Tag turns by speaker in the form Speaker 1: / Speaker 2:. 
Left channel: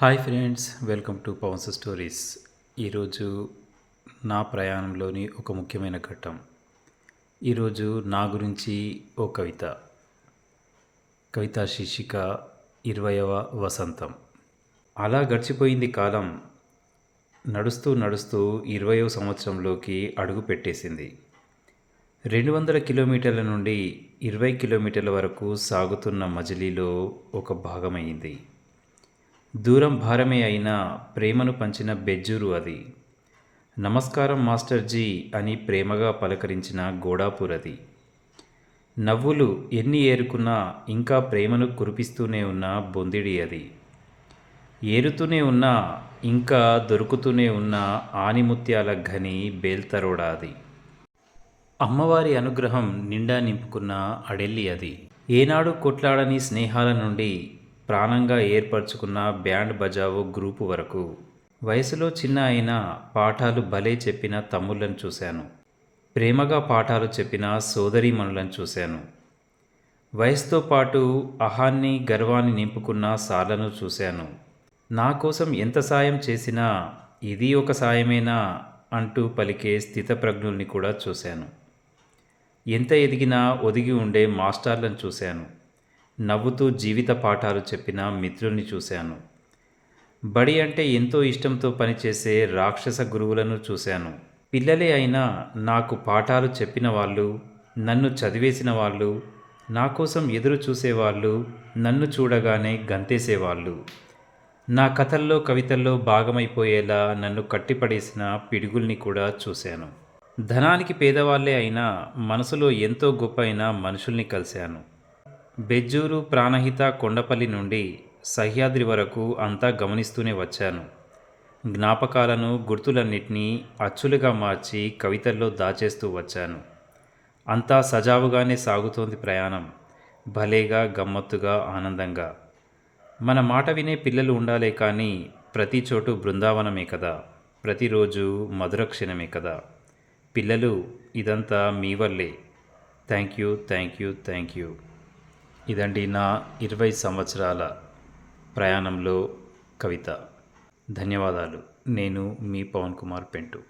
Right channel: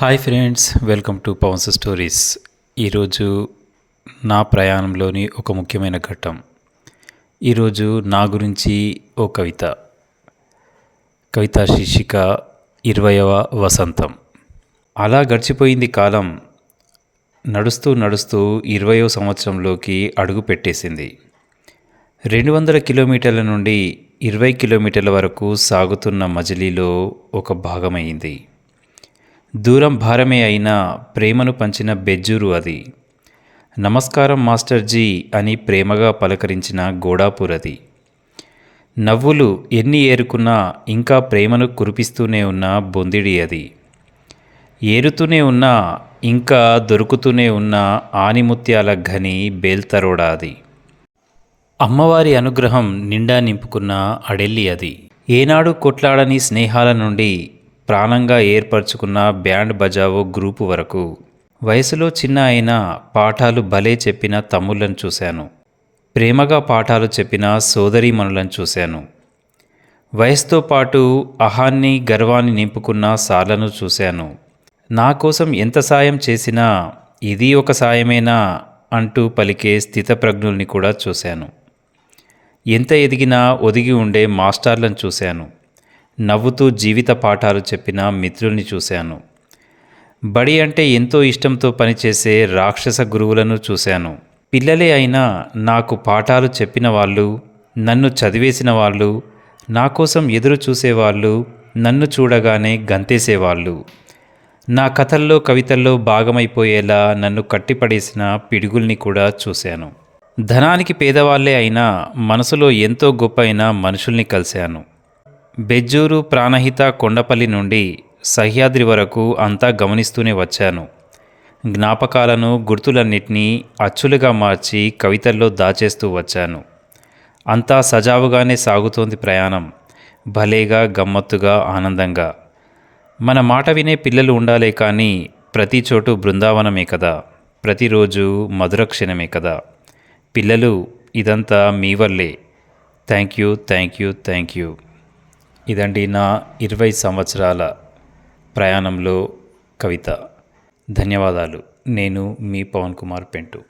Speaker 1: Hi friends welcome to Pawan's stories. ఈరోజు నా ప్రయాణంలోని ఒక ముఖ్యమైన ఘట్టం. ఈరోజు నా గురించి ఓ కవిత. కవిత శీర్షిక ఇరవయవ వసంతం. అలా గడిచిపోయింది కాలం. నడుస్తూ నడుస్తూ ఇరవయో సంవత్సరంలోకి అడుగు పెట్టేసింది. రెండు వందల కిలోమీటర్ల నుండి ఇరవై కిలోమీటర్ల వరకు సాగుతున్న మజిలీలో ఒక భాగమైంది. దూరం భారమే అయినా ప్రేమను పంచిన బెజ్జూరు అది. నమస్కారం మాస్టర్జీ అని ప్రేమగా పలకరించిన గోడాపూర్ అది. నవ్వులు ఎన్ని ఏరుకున్నా ఇంకా ప్రేమను కురిపిస్తూనే ఉన్న బొందిడి అది. ఏరుతూనే ఉన్న ఇంకా దొరుకుతూనే ఉన్న ఆనిముత్యాల ఘని బేల్తరోడా అది. అమ్మవారి అనుగ్రహం నిండా నింపుకున్న అడెల్లి అది. ఏనాడు కొట్లాడని స్నేహాల నుండి ప్రాణంగా ఏర్పరచుకున్న బ్యాండ్ బజావో గ్రూపు వరకు. వయసులో చిన్న అయినా పాఠాలు భలే చెప్పిన తమ్ముళ్ళను చూశాను. ప్రేమగా పాఠాలు చెప్పిన సోదరీమణులను చూశాను. వయసుతో పాటు అహాన్ని గర్వాన్ని నింపుకున్న సార్లను చూశాను. నా కోసం ఎంత సాయం చేసినా ఇది ఒక సాయమేనా అంటూ పలికే స్థితప్రజ్ఞుల్ని కూడా చూశాను. ఎంత ఎదిగినా ఒదిగి ఉండే మాస్టర్లను చూశాను. నవ్వుతూ జీవిత పాఠాలు చెప్పిన మిత్రుల్ని చూశాను. బడి అంటే ఎంతో ఇష్టంతో పనిచేసే రాక్షస గురువులను చూశాను. పిల్లలే అయినా నాకు పాఠాలు చెప్పిన వాళ్ళు నన్ను చదివేసిన వాళ్ళు నా కోసం ఎదురు చూసేవాళ్ళు నన్ను చూడగానే గంతేసేవాళ్ళు. నా కథల్లో కవితల్లో భాగమైపోయేలా నన్ను కట్టిపడేసిన పిడుగుల్ని కూడా చూశాను. ధనానికి పేదవాళ్ళే అయినా మనసులో ఎంతో గొప్ప అయిన మనుషుల్ని కలిశాను. బెజ్జూరు ప్రాణహిత కొండపల్లి నుండి సహ్యాద్రి వరకు అంతా గమనిస్తూనే వచ్చాను. జ్ఞాపకాలను గుర్తులన్నిటినీ అచ్చులుగా మార్చి కవితల్లో దాచేస్తూ వచ్చాను. అంతా సజావుగానే సాగుతోంది ప్రయాణం. భలేగా గమ్మత్తుగా ఆనందంగా. మన మాట వినే పిల్లలు ఉండాలే కానీ ప్రతి చోటు బృందావనమే కదా. ప్రతిరోజు మధుర క్షణమే కదా. పిల్లలు ఇదంతా మీ వల్లే. Thank you thank you thank you. ఇదండి నా ఇరవై సంవత్సరాల ప్రయాణంలో కవిత. ధన్యవాదాలు. నేను మీ పవన్ కుమార్ పెంటు.